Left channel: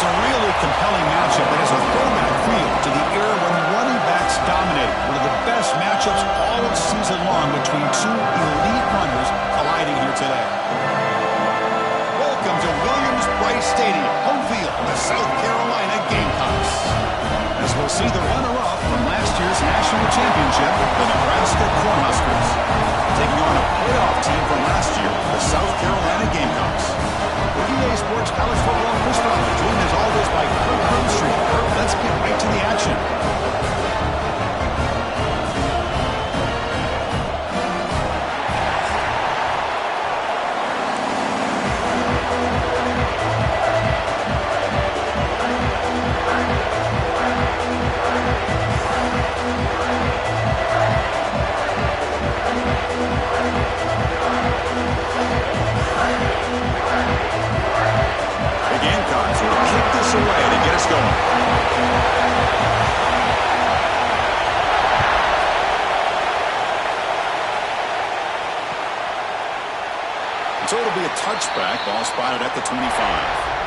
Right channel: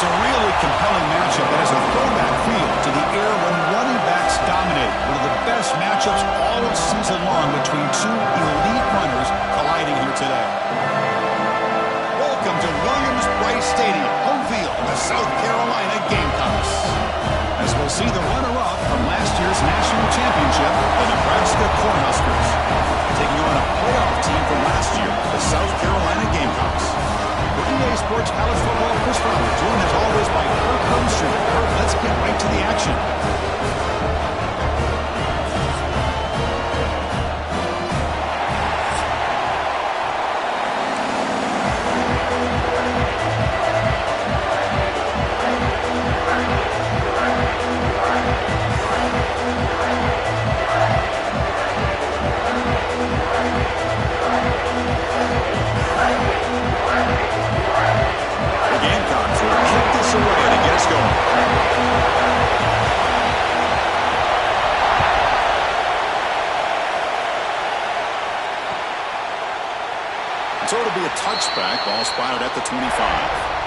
It's a really compelling matchup that has a throwback feel to the era when running backs dominated. One of the best matchups all season long between two elite runners colliding here today. Welcome to Williams-Brice Stadium, home field of the South Carolina Gamecocks. As we'll see the runner-up from last year's national championship, the Nebraska Cornhuskers, taking on a playoff team from last year, the South Carolina Gamecocks. For EA Sports College Football, Chris Fowler, joined as always by Kirk Hermstreet. Kirk, let's get right to the action. Away to get us going. So it'll be a touchback. Ball spotted at the 25.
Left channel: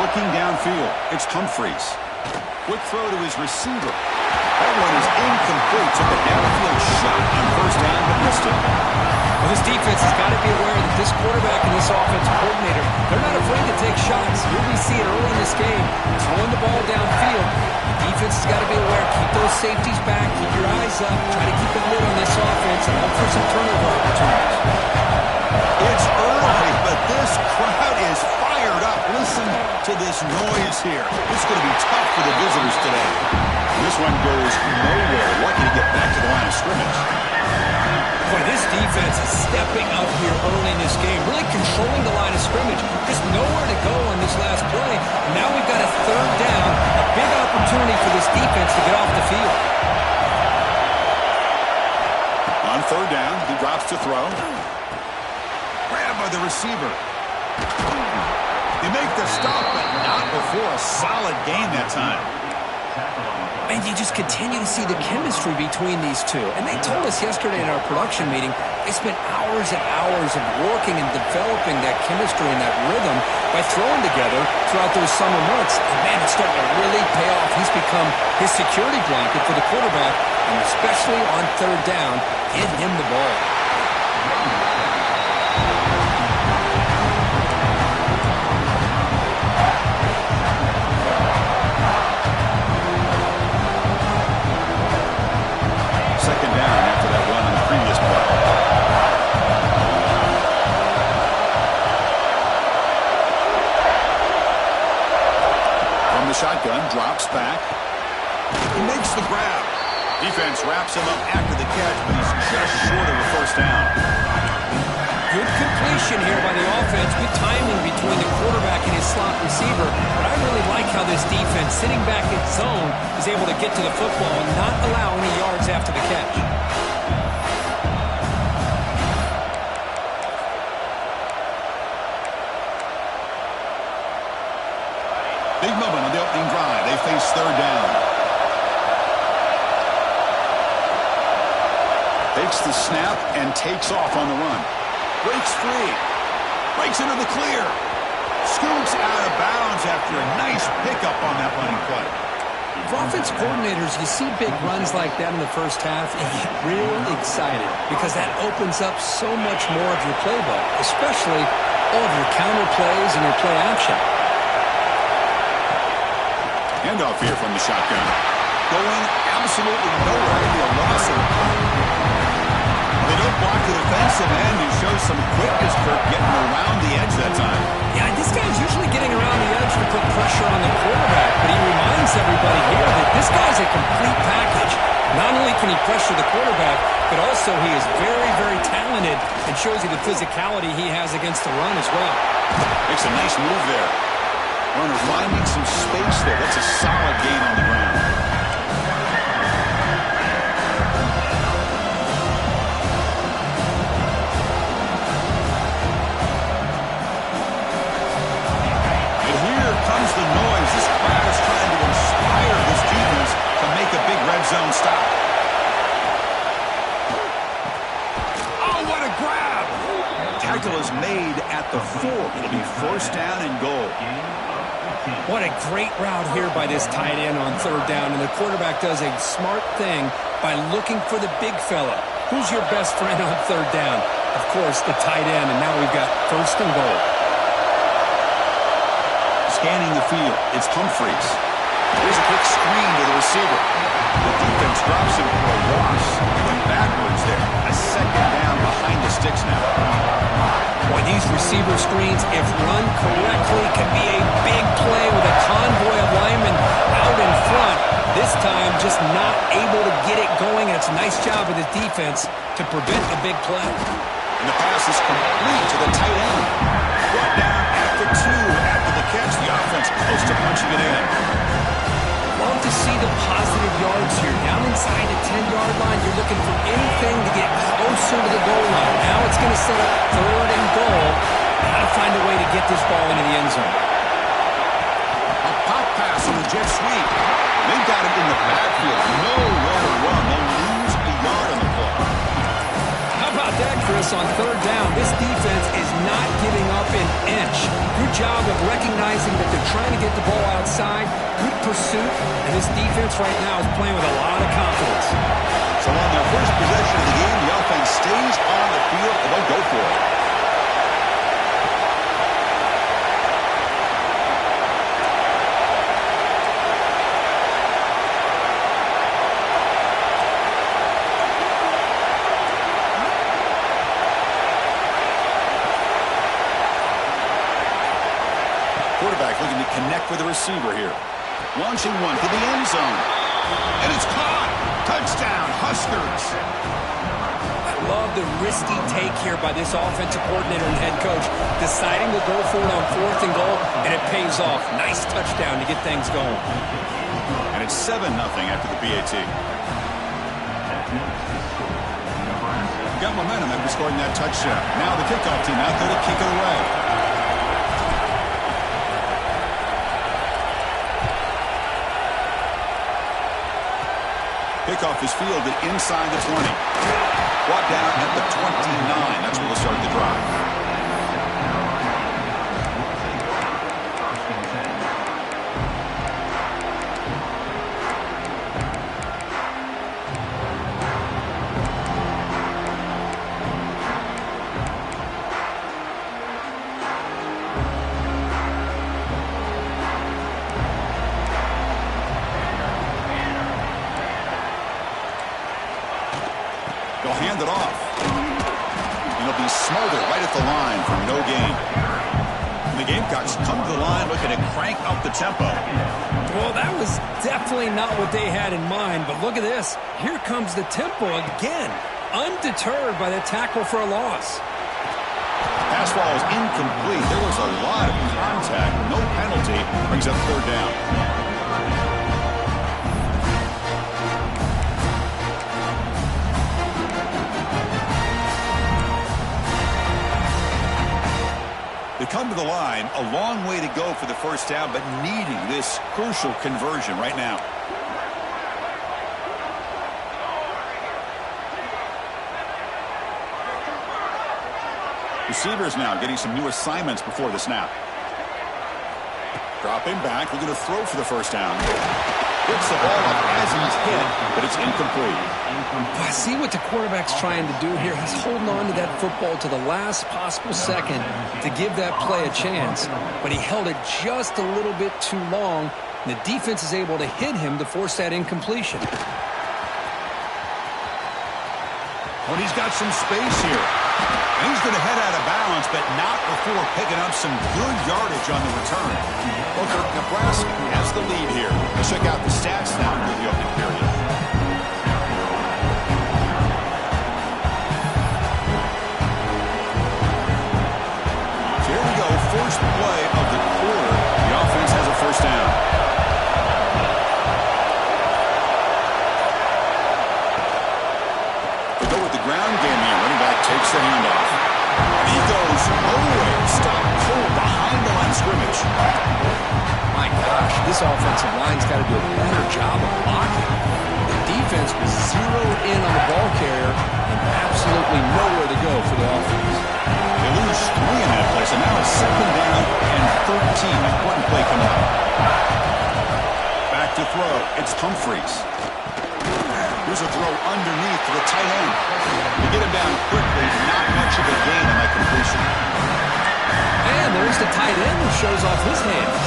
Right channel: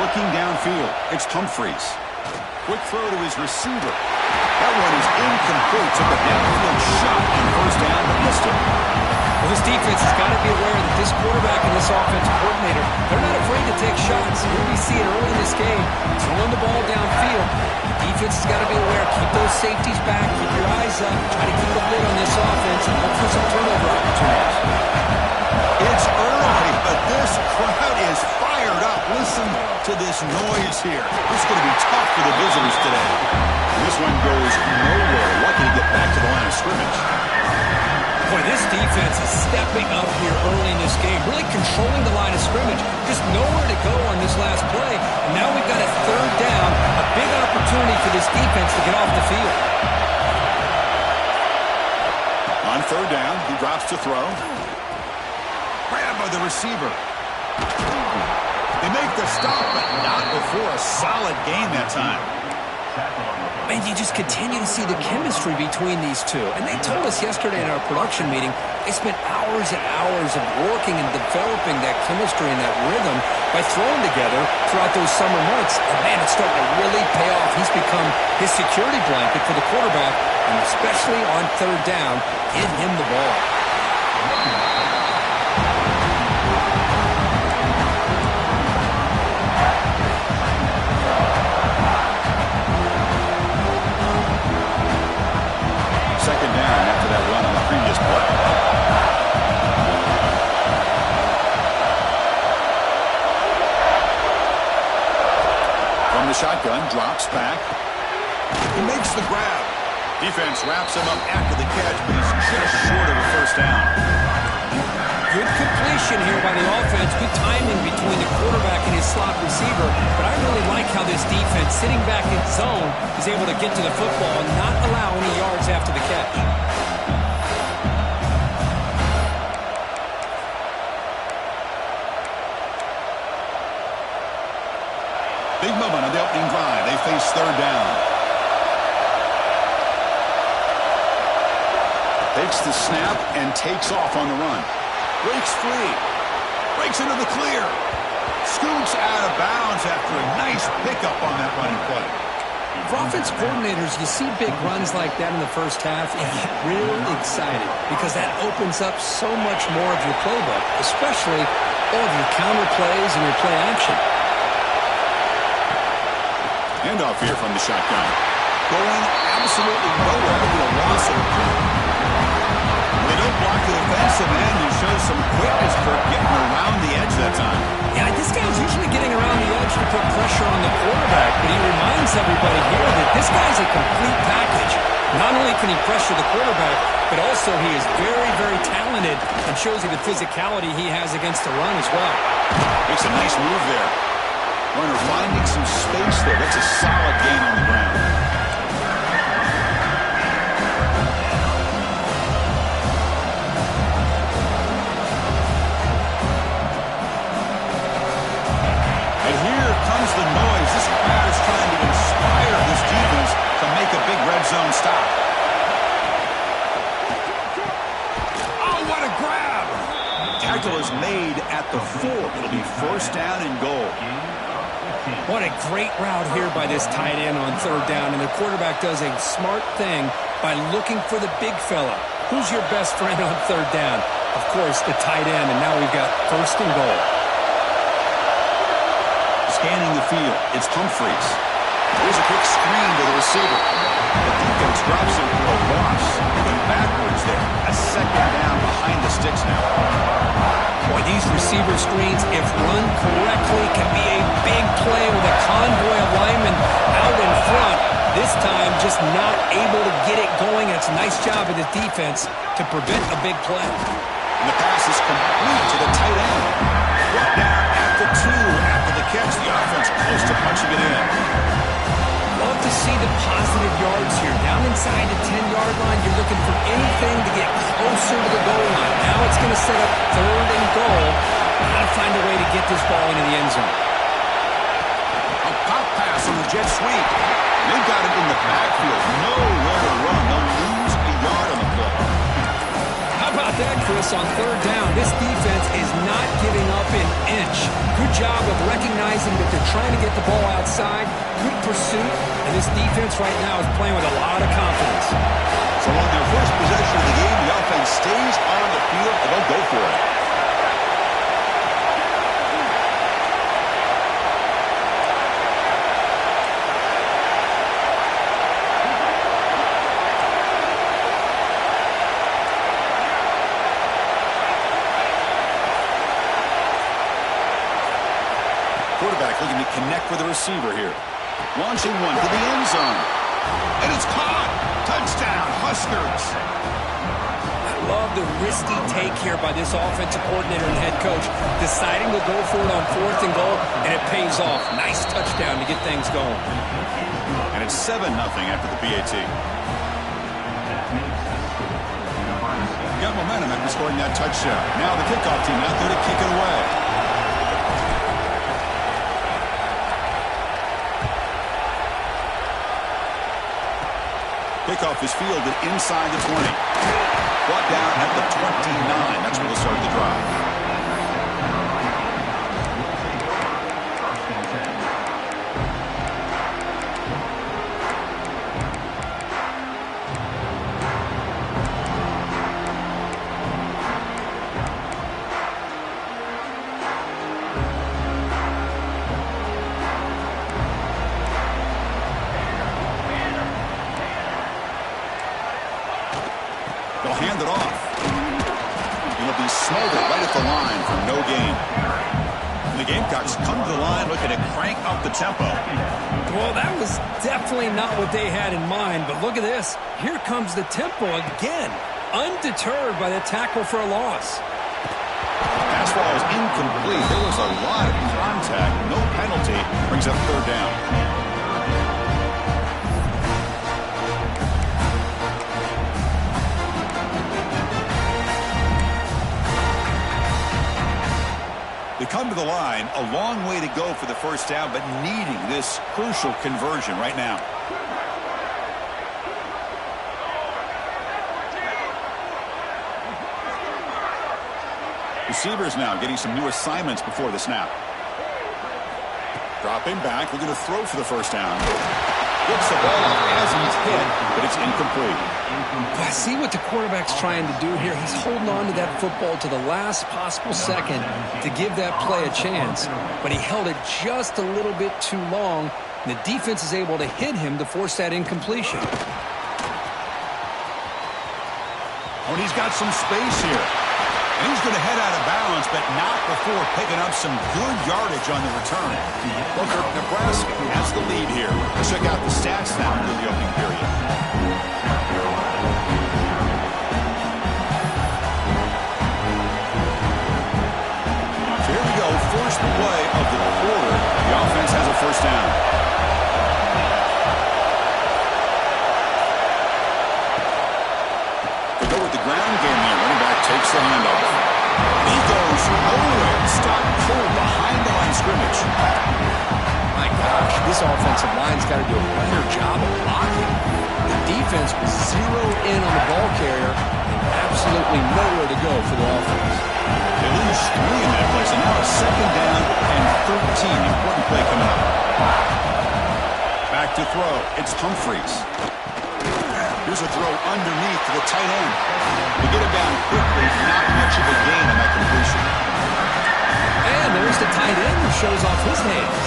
Looking downfield, it's Humphreys. Quick throw to his receiver. That one is incomplete. Took a downfield shot on first down, but missed it. Well, this defense has got to be aware that this quarterback and this offensive coordinator, they're not afraid to take shots. Here we see it early in this game, throwing the ball downfield. The defense has got to be aware. Keep those safeties back. Keep your eyes up. Try to keep a lid on this offense and look for some turnover opportunities. It's early, but this crowd is fired up. Listen to this noise here. It's going to be tough for the visitors today. This one goes nowhere. Lucky to get back to the line of scrimmage. Boy, this defense is stepping up here early in this game, really controlling the line of scrimmage. Just nowhere to go on this last play. And now we've got a third down, a big opportunity for this defense to get off the field. On third down, he drops to throw. Grabbed by the receiver. They make the stop, but not before a solid gain that time. And you just continue to see the chemistry between these two. And they told us yesterday in our production meeting, they spent hours and hours of working and developing that chemistry and that rhythm by throwing together throughout those summer months. And, man, it's starting to really pay off. He's become his security blanket for the quarterback, and especially on third down, get him the ball. Second down after that run on the previous play. From the shotgun, drops back. He makes the grab. Defense wraps him up after the catch, but he's just short of a first down. Good completion here by the offense. Good timing between the quarterback and his slot receiver. But I really like how this defense, sitting back in zone, is able to get to the football and not allow any yards after the catch. Big moment on the opening drive. They face third down. Takes the snap and takes off on the run. Breaks free. Breaks into the clear. Scoots out of bounds after a nice pickup on that running play. For offense coordinators, you see big runs like that in the first half, and you get real excited because that opens up so much more of your playbook, especially all of your counter plays and your play action. Handoff here from the shotgun. Going absolutely nowhere. It'll be a loss of a play. They don't block the defensive end and show some quickness, Kirk, getting around the edge that time. Yeah, this guy's usually getting around the edge to put pressure on the quarterback, but he reminds everybody here that this guy's a complete package. Not only can he pressure the quarterback, but also he is very, very talented and shows you the physicality he has against the run as well. Makes a nice move there. Runner finding some space there. That's a solid gain on the ground. good zone stop. Oh, what a grab. Tackle is made at the 4. It'll be first down and goal. What a great route here by this tight end on third down, and the quarterback does a smart thing by looking for the big fella. Who's your best friend on third down? Of course, the tight end, and now we've got first and goal. Scanning the field, it's Humphreys. Here's a quick screen to the receiver. The defense drops him for a loss. He went backwards there. A second down behind the sticks now. Boy, these receiver screens, if run correctly, can be a big play with a convoy of linemen out in front. This time, just not able to get it going. And it's a nice job of the defense to prevent a big play. And the pass is complete to the tight end. Brought down at the 2 after the catch. The offense close to punching it in. Love to see the positive yards here. Down inside the 10-yard line, you're looking for anything to get closer to the goal line. Now it's going to set up third and goal. Got to find a way to get this ball into the end zone. A pop pass on the jet sweep. They've got it in the backfield. Nowhere to run. They'll lose a yard on the play. How about that, Chris, on third down? This defense is not giving up an inch. Good job of recognizing that they're trying to get the ball outside. Good pursuit. And this defense right now is playing with a lot of confidence. So on their first possession of the game, the offense stays on the field and they'll go for it. Quarterback looking to connect with the receiver here. Launching one to the end zone. And it's caught. Touchdown, Huskers. I love the risky take here by this offensive coordinator and head coach, deciding to go for it on fourth and goal, and it pays off. Nice touchdown to get things going. And it's 7-0 after the PAT. Got momentum after scoring that touchdown. Now the kickoff team out there to kick it away. Kickoff is fielded inside the 20. Brought down at the 29. That's where they'll start the drive. They'll hand it off. It'll be Smolder right at the line for no gain. And the Gamecocks come to the line looking to crank up the tempo. Well, that was definitely not what they had in mind, but look at this. Here comes the tempo again, undeterred by the tackle for a loss. Pass ball is incomplete. There was a lot of contact. No penalty. Brings up third down. They come to the line, a long way to go for the first down, but needing this crucial conversion right now. Receivers now getting some new assignments before the snap. Dropping back, looking to throw for the first down. Gets the ball up as he's hit, but it's incomplete. I see what the quarterback's trying to do here. He's holding on to that football to the last possible second to give that play a chance, but he held it just a little bit too long, and the defense is able to hit him to force that incompletion. Oh, and he's got some space here. And he's going to head out of bounds, but not before picking up some good yardage on the return. Booker, Nebraska has the lead here. Let's check out the stats now through the opening period. So here we go, first play of the quarter. The offense has a first down. They go with the ground game here. Running back takes the handoff. And he goes nowhere. Stop cold behind the line of scrimmage. My gosh, this offensive line's got to do a better job of blocking. The defense was zeroed in on the ball carrier and absolutely nowhere to go for the offense. They lose 3 in that play, so now it's 2nd down and 13. Important play coming up. Back to throw. It's Humphries. Here's a throw underneath to the tight end. To get him down quickly, not much of a gain on that completion. And there's the tight end who shows off his hands.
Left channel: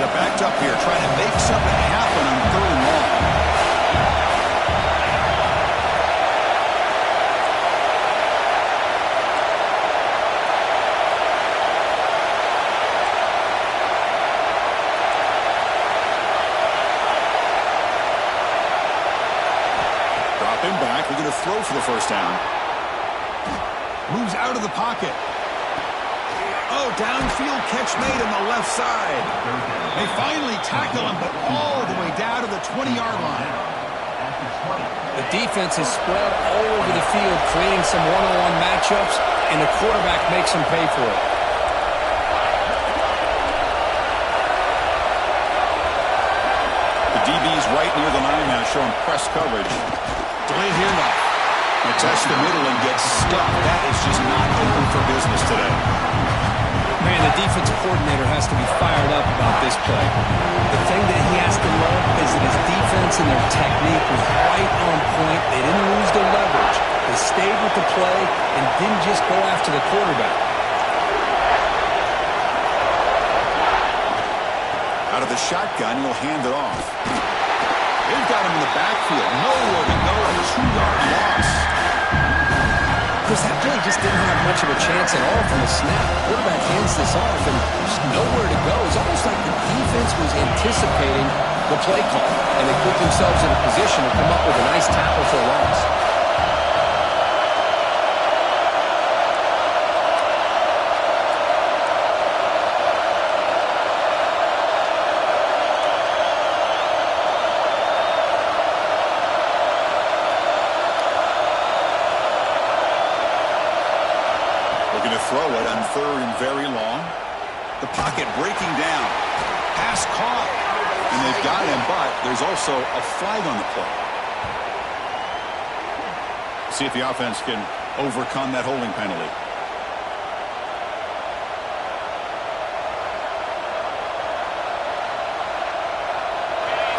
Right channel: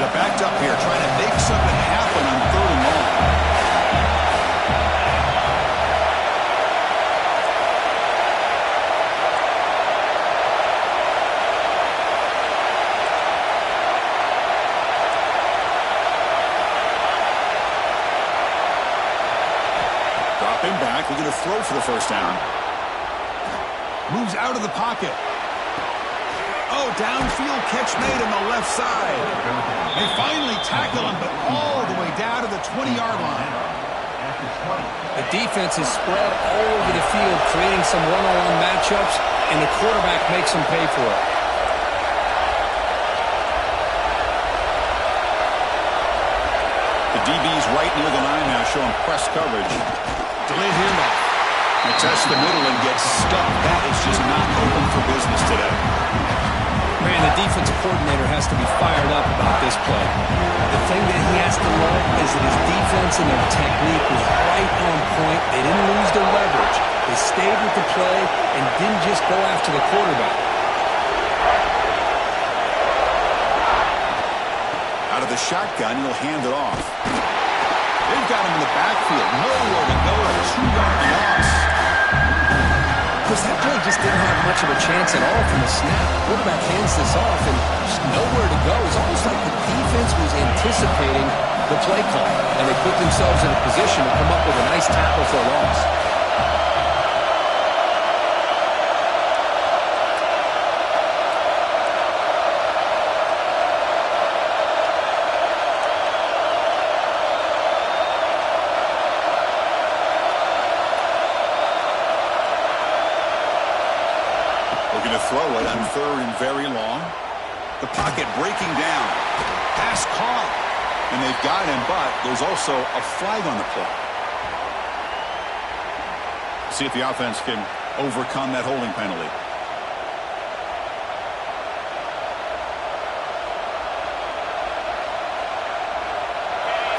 They're backed up here, trying to make something happen on 3rd and long. Dropping back, looking to throw for the 1st down. Moves out of the pocket. Oh, downfield catch made on the left side. They finally tackle him, but all the way down to the 20-yard line. The defense is spread all over the field, creating some one-on-one matchups, and the quarterback makes them pay for it. The DB's right near the line now, showing press coverage. Delayed handoff. They test the middle and get stuck. That is just not open for business today. Man, the defensive coordinator has to be fired up about this play. The thing that he has to love is that his defense and their technique was right on point. They didn't lose their leverage. They stayed with the play and didn't just go after the quarterback. Out of the shotgun, he'll hand it off. They've got him in the backfield. Nowhere to go. A 2-yard loss. Because that play just didn't have much of a chance at all from the snap. Quarterback hands this off and just nowhere to go. It's almost like the defense was anticipating the play call, and they put themselves in a position to come up with a nice tackle for a loss. Looking to throw it on 3rd and very long. The pocket breaking down. Pass caught. And they've got him, but there's also a flag on the play. See if the offense can overcome that holding penalty.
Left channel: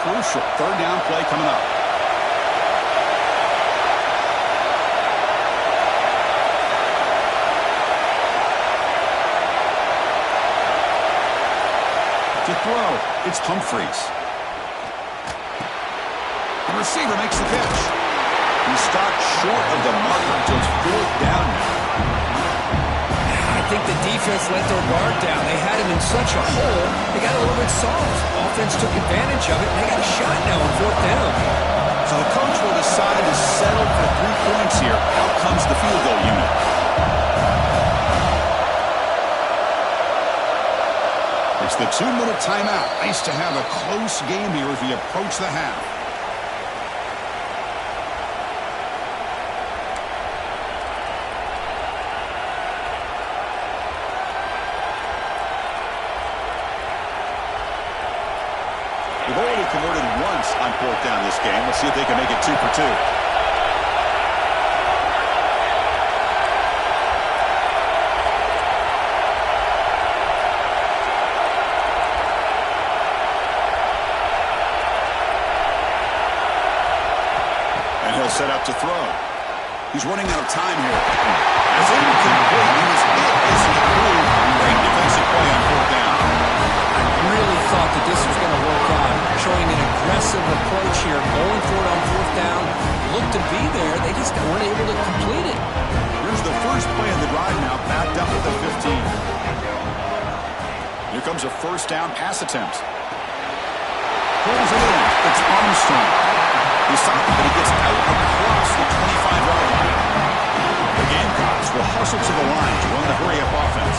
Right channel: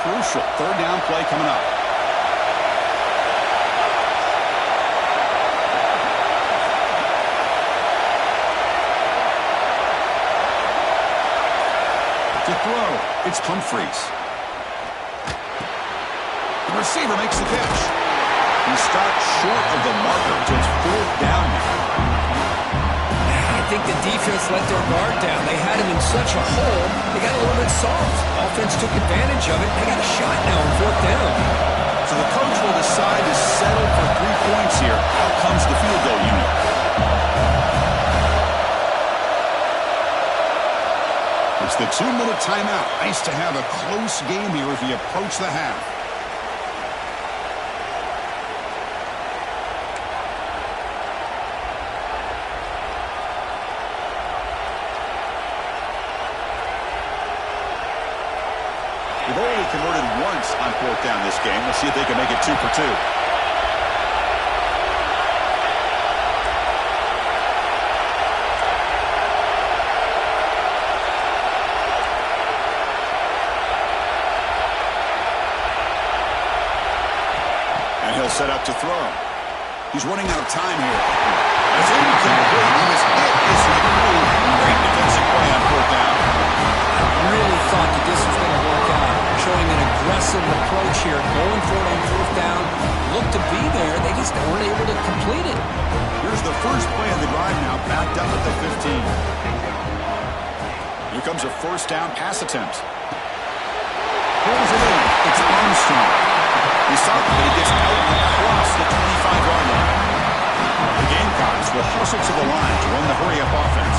Crucial 3rd down play coming up. To throw, it's Humphries. The receiver makes the catch. He stopped short of the marker, so it's 4th down now. I think the defense let their guard down. They had him in such a hole, they got a little bit soft. Offense took advantage of it, and they got a shot now on 4th down. So the coach will decide to settle for 3 points here. Out comes the field goal unit. It's the 2-minute timeout. Nice to have a close game here as we approach the half. They've already converted once on 4th down this game. Let's see if they can make it 2 for 2. And he'll set up to throw. He's running out of time here. It's incomplete. He was hit as he threw. Great defensive play on 4th down. I really thought that this was going to work out. Showing an aggressive approach here. Going for it on 4th down. Looked to be there. They just weren't able to complete it. Here's the first play of the drive now. Backed up at the 15. Here comes a 1st down pass attempt. Pulls it in. It's Armstrong. He stopped him, but he gets out across the 25-yard line. The Gamecocks will hustle to the line to run the hurry-up offense.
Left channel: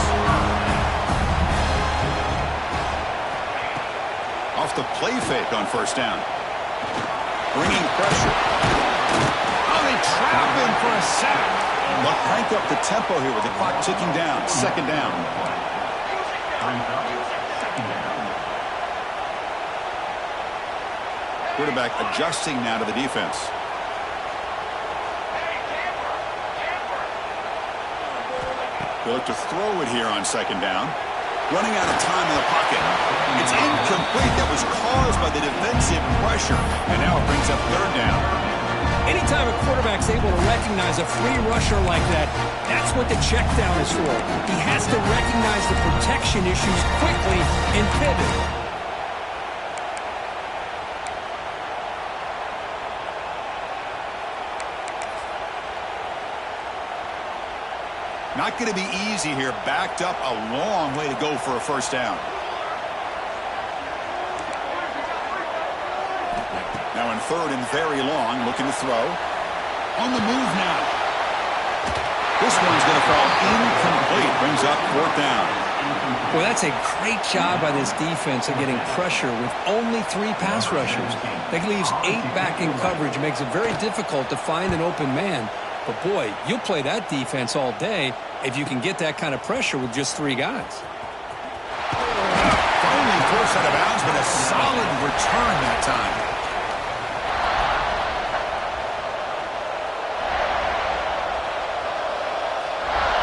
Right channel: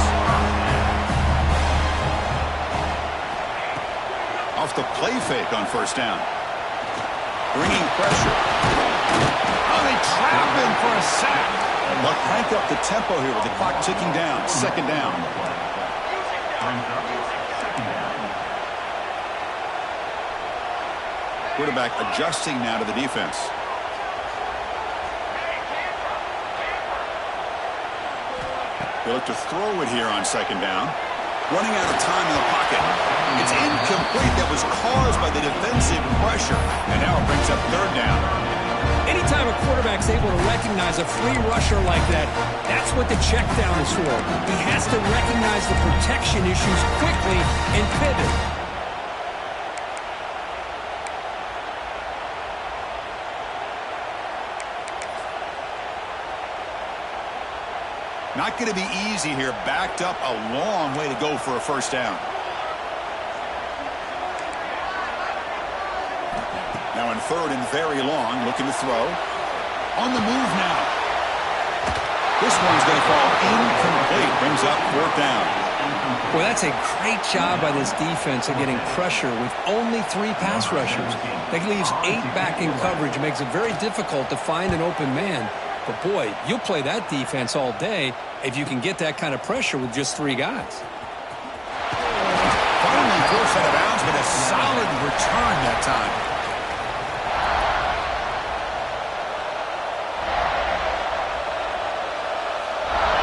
Off the play fake on 1st down. Bringing pressure. Oh, they trap him for a sack. They'll crank up the tempo here with the clock ticking down. 2nd down. Quarterback adjusting now to the defense. They look to throw it here on second down. Running out of time in the pocket. It's incomplete. That was caused by the defensive pressure. And now it brings up third down. Anytime a quarterback's able to recognize a free rusher like that, that's what the check down is for. He has to recognize the protection issues quickly and pivot. Not going to be easy here. Backed up a long way to go for a first down. Now in third and very long, looking to throw. On the move now. This one's going to fall incomplete. Brings up fourth down. Well, that's a great job by this defense of getting pressure with only 3 pass rushers. That leaves 8 back in coverage. Makes it very difficult to find an open man. But, boy, you'll play that defense all day if you can get that kind of pressure with just 3 guys. Finally forced out of bounds, but a solid return that time.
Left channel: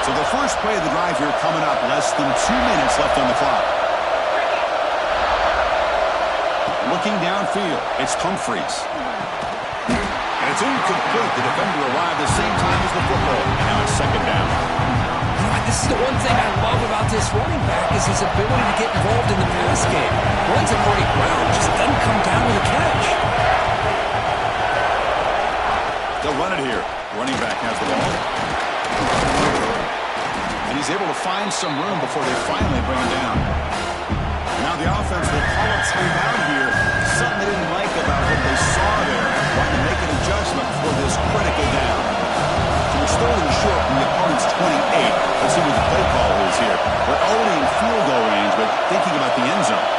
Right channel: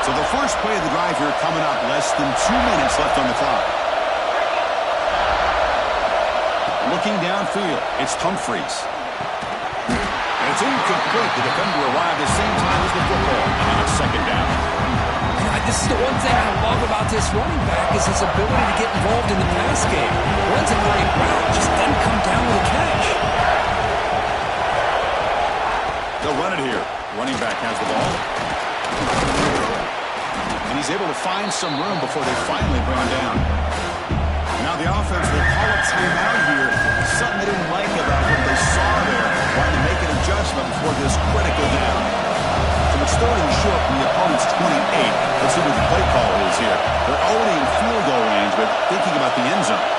So the first play of the drive here coming up. Less than 2 minutes left on the clock. Looking downfield, it's Humphries. And it's incomplete. The defender arrived at the same time as the football. And now it's second down. This is the one thing I love about this running back is his ability to get involved in the pass game. Runs a great route, just doesn't come down with a catch. They'll run it here. Running back has the ball. And he's able to find some room before they finally bring him down. Now the offense will call a timeout here. Something they didn't like about what they saw there. Wanting to make an adjustment for this critical down. So it's third and short from the opponent's 28. Let's see what the play call is here. They're already in field goal range, but thinking about the end zone.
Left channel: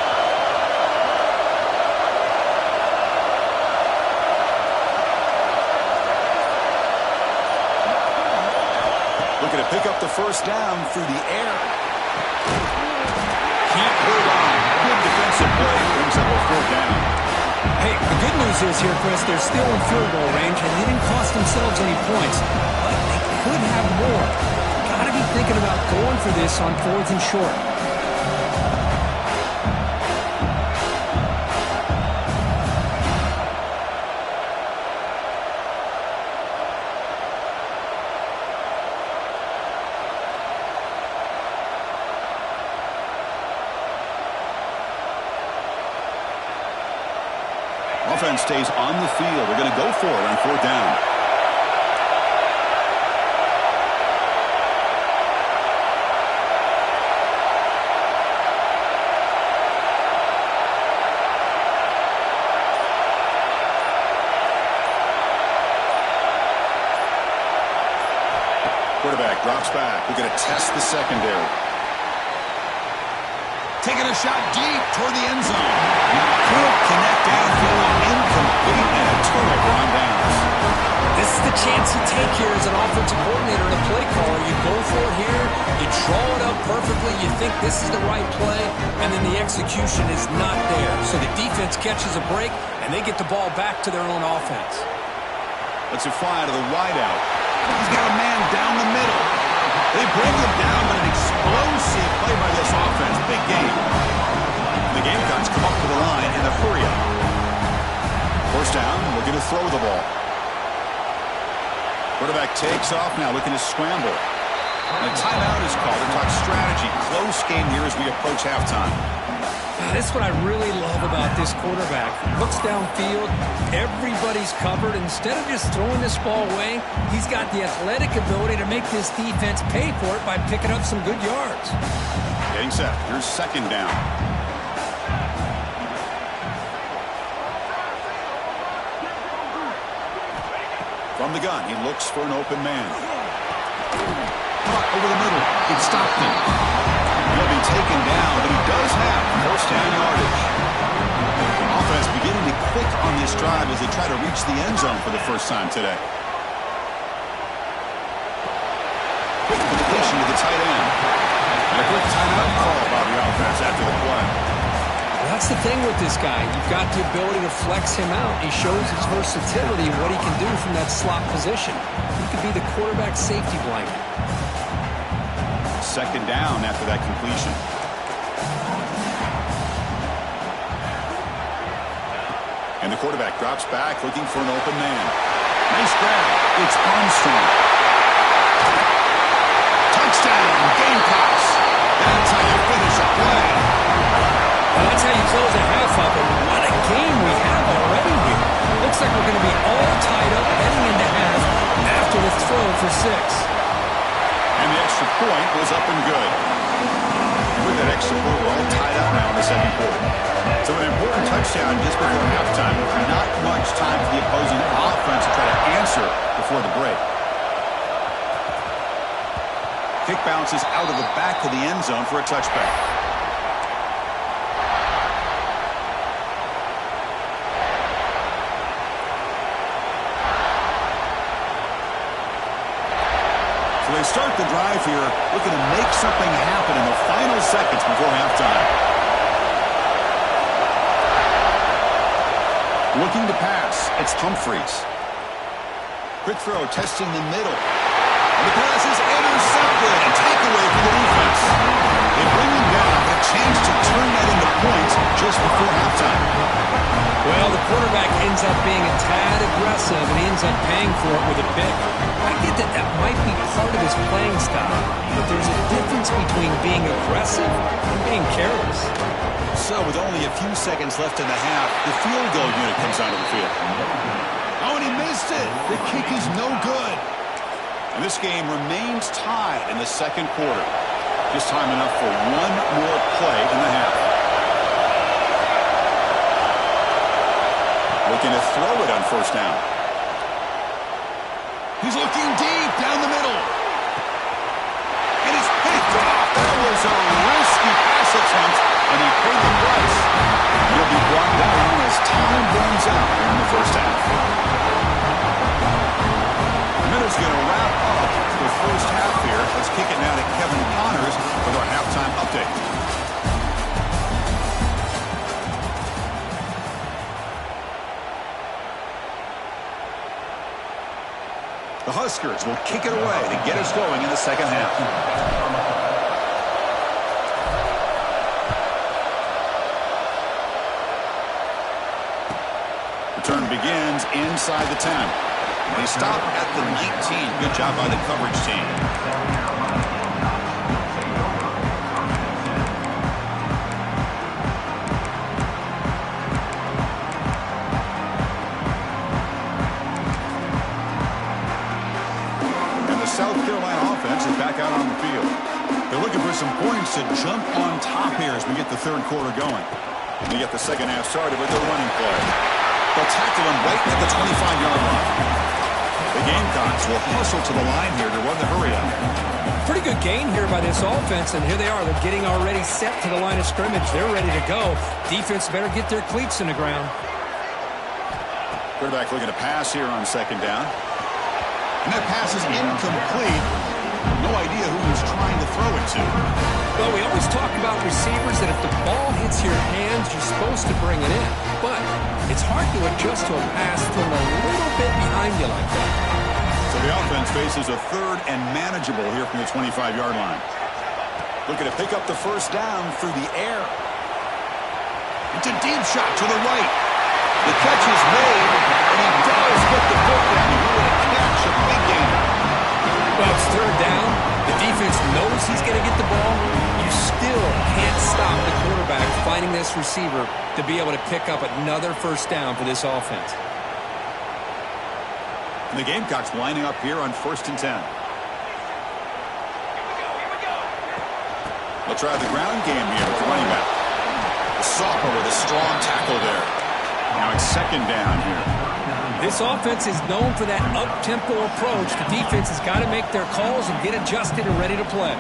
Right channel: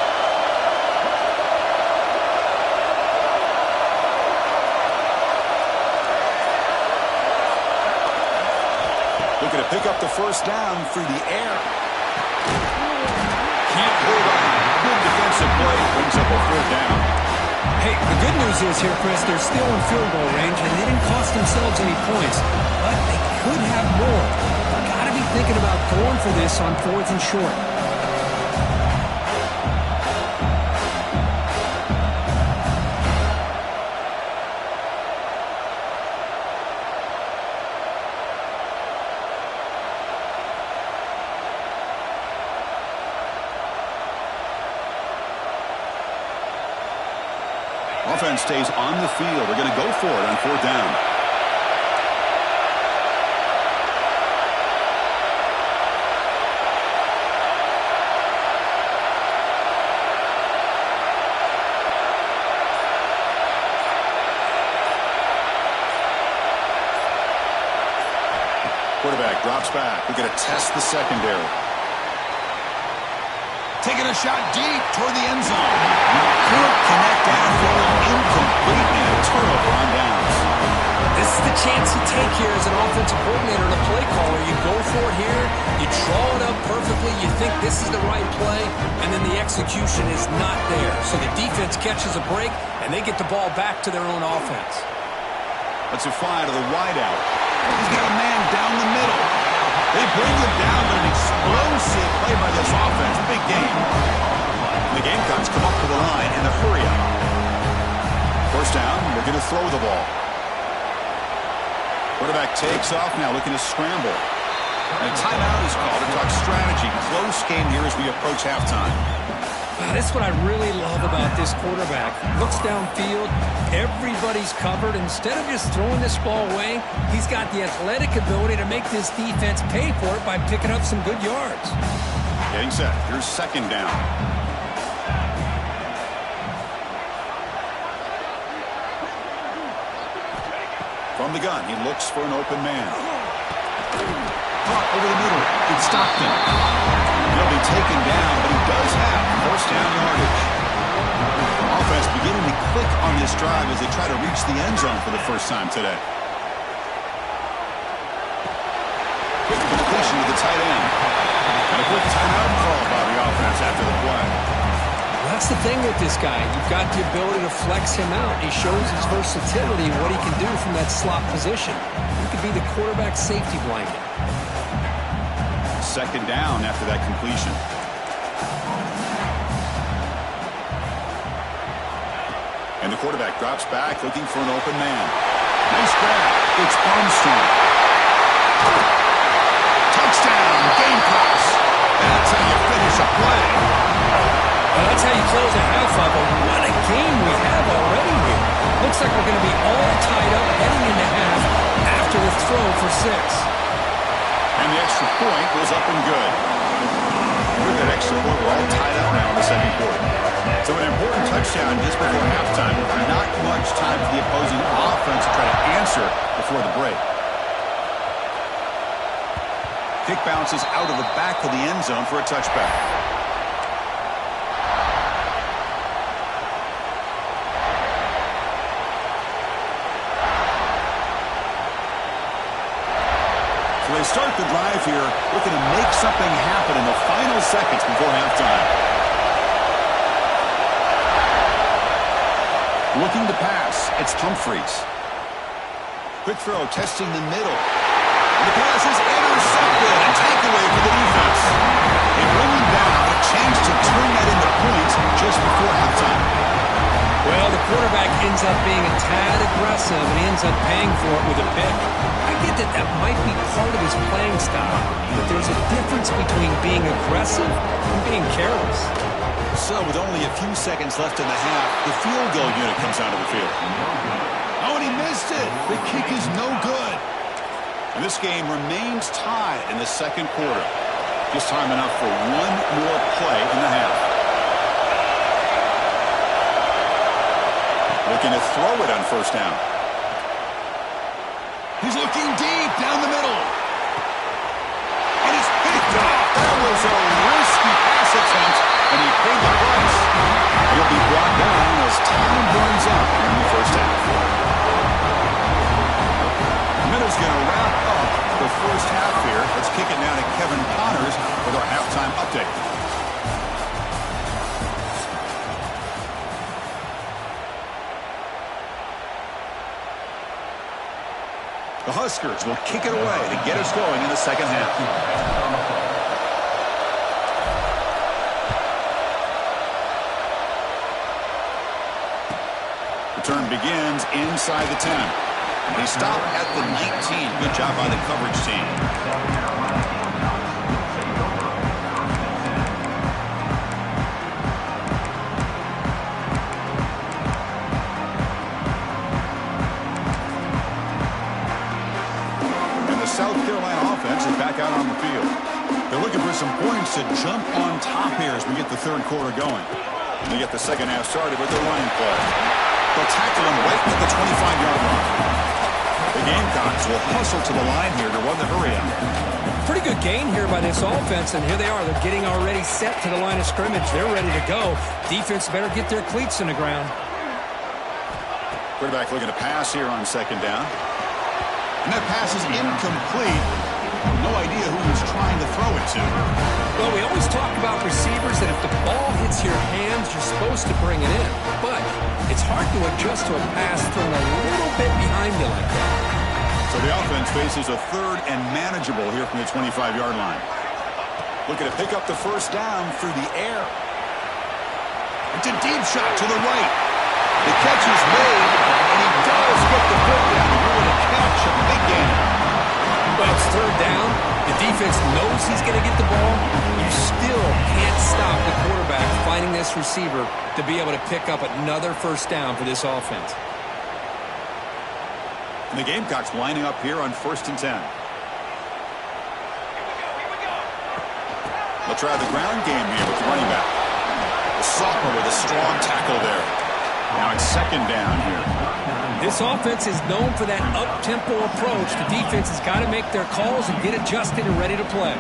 Looking to pick up the first down through the air. Can't hold on. Good defensive play. Brings up a fourth down. Hey, the good news is here, Chris, they're still in field goal range, and they didn't cost themselves any points. But they could have more. Got to be thinking about going for this on fourth and short. Offense stays on the field. They're going to go for it on fourth down. Quarterback drops back. We're going to test the secondary. Taking a shot deep toward the end zone. Can't connect downfield. Incomplete and a turnover on downs. This is the chance you take here as an offensive coordinator and a play caller. You go for it here. You draw it up perfectly. You think this is the right play, and then the execution is not there. So the defense catches a break, and they get the ball back to their own offense. Let's fly to the wideout. He's got a man down the middle. They bring him down, but an explosive play by this offense. Big game. The Gamecocks come up to the line in a hurry up. First down, we're going to throw the ball. Quarterback takes off now, looking to scramble. And a timeout is called to talk strategy. Close game here as we approach halftime. This is what I really love about this quarterback. Looks downfield, everybody's covered. Instead of just throwing this ball away, he's got the athletic ability to make this defense pay for it by picking up some good yards. Getting set. Here's second down. From the gun, he looks for an open man. Caught over the middle. It's Stockton. He'll be taken down, but he does have first down yardage. Offense beginning to click on this drive as they try to reach the end zone for the first time today. Quick completion to the tight end. And a quick timeout call by the offense after the play. That's the thing with this guy. You've got the ability to flex him out. He shows his versatility and what he can do from that slot position. He could be the quarterback safety blanket. Second down after that completion. And the quarterback drops back looking for an open man. Nice grab. It's Armstrong. Touchdown, Gamecocks. That's how you finish a play. Well, that's how you close a half up, and what a game we have already here. Looks like we're going to be all tied up heading into half after the throw for 6. And the extra point was up and good. And with that extra point, we're all tied up now in the second quarter. So an important touchdown just before halftime. Not much time for the opposing offense to try to answer before the break. Kick bounces out of the back of the end zone for a touchback. So they start the drive here, looking to make something happen in the final seconds before halftime. Looking to pass, it's Humphreys. Quick throw, testing the middle. And the pass is intercepted. A takeaway for the defense. They bring him down, but a chance to turn that into points just before halftime. Well, the quarterback ends up being a tad aggressive, and he ends up paying for it with a pick. I get that that might be part of his playing style, but there's a difference between being aggressive and being careless. So with only a few seconds left in the half, the field goal unit comes onto the field. Oh, and he missed it. The kick is no good. And this game remains tied in the second quarter. Just time enough for one more play in the half. Looking to throw it on first down. He's looking deep down the middle. And it's picked off. That was a risky pass attempt, and he paid the price. And he'll be brought down as time runs out in the first half. Minutes going to wrap up the first half here. Let's kick it now to Kevin Connors with our halftime update. The Huskers will kick it away to get us going in the second half. Return begins inside the 10. They stop at the 19. Good job by the coverage team. And the South Carolina offense is back out on the field. They're looking for some points to jump on top here as we get the third quarter going. We get the second half started with the running play. They'll tackle him right at the 25-yard line. The Gamecocks will hustle to the line here to run the hurry up. Pretty good gain here by this offense, and here they are. They're getting already set to the line of scrimmage. They're ready to go. Defense better get their cleats in the ground. Quarterback looking to pass here on second down. And that pass is incomplete. No idea who he's trying to throw it to. Well, we always talk about receivers that if the ball hits your hands, you're supposed to bring it in. But it's hard to adjust to a pass thrown a little bit behind you like that. So the offense faces a third and manageable here from the 25-yard line. Looking to pick up the first down through the air. It's a deep shot to the right. The catch is made, and he does get the foot down. He wanted to catch a big gainer. Well, it's third down. The defense knows he's going to get the ball. You still can't stop the quarterback finding this receiver to be able to pick up another first down for this offense. And the Gamecocks lining up here on 1st and 10. They'll try the ground game here with the running back. The sophomore with a strong tackle there. Now it's second down here. This offense is known for that up-tempo approach. The defense has got to make their calls and get adjusted and ready to play.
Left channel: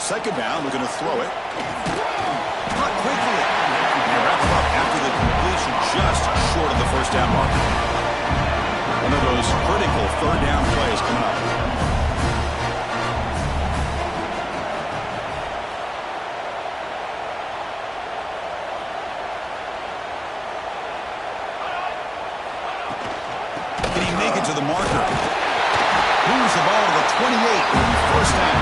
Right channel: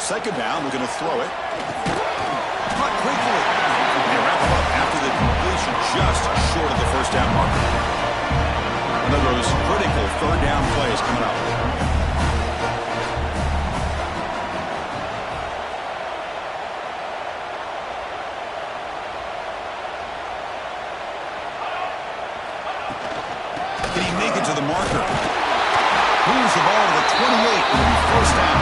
Second down, looking to throw it. Caught quickly. They wrap him up after the completion just short of the first down marker. One of those critical third down plays coming up. make it to the marker. Moves the ball to the 28. It'll be first down.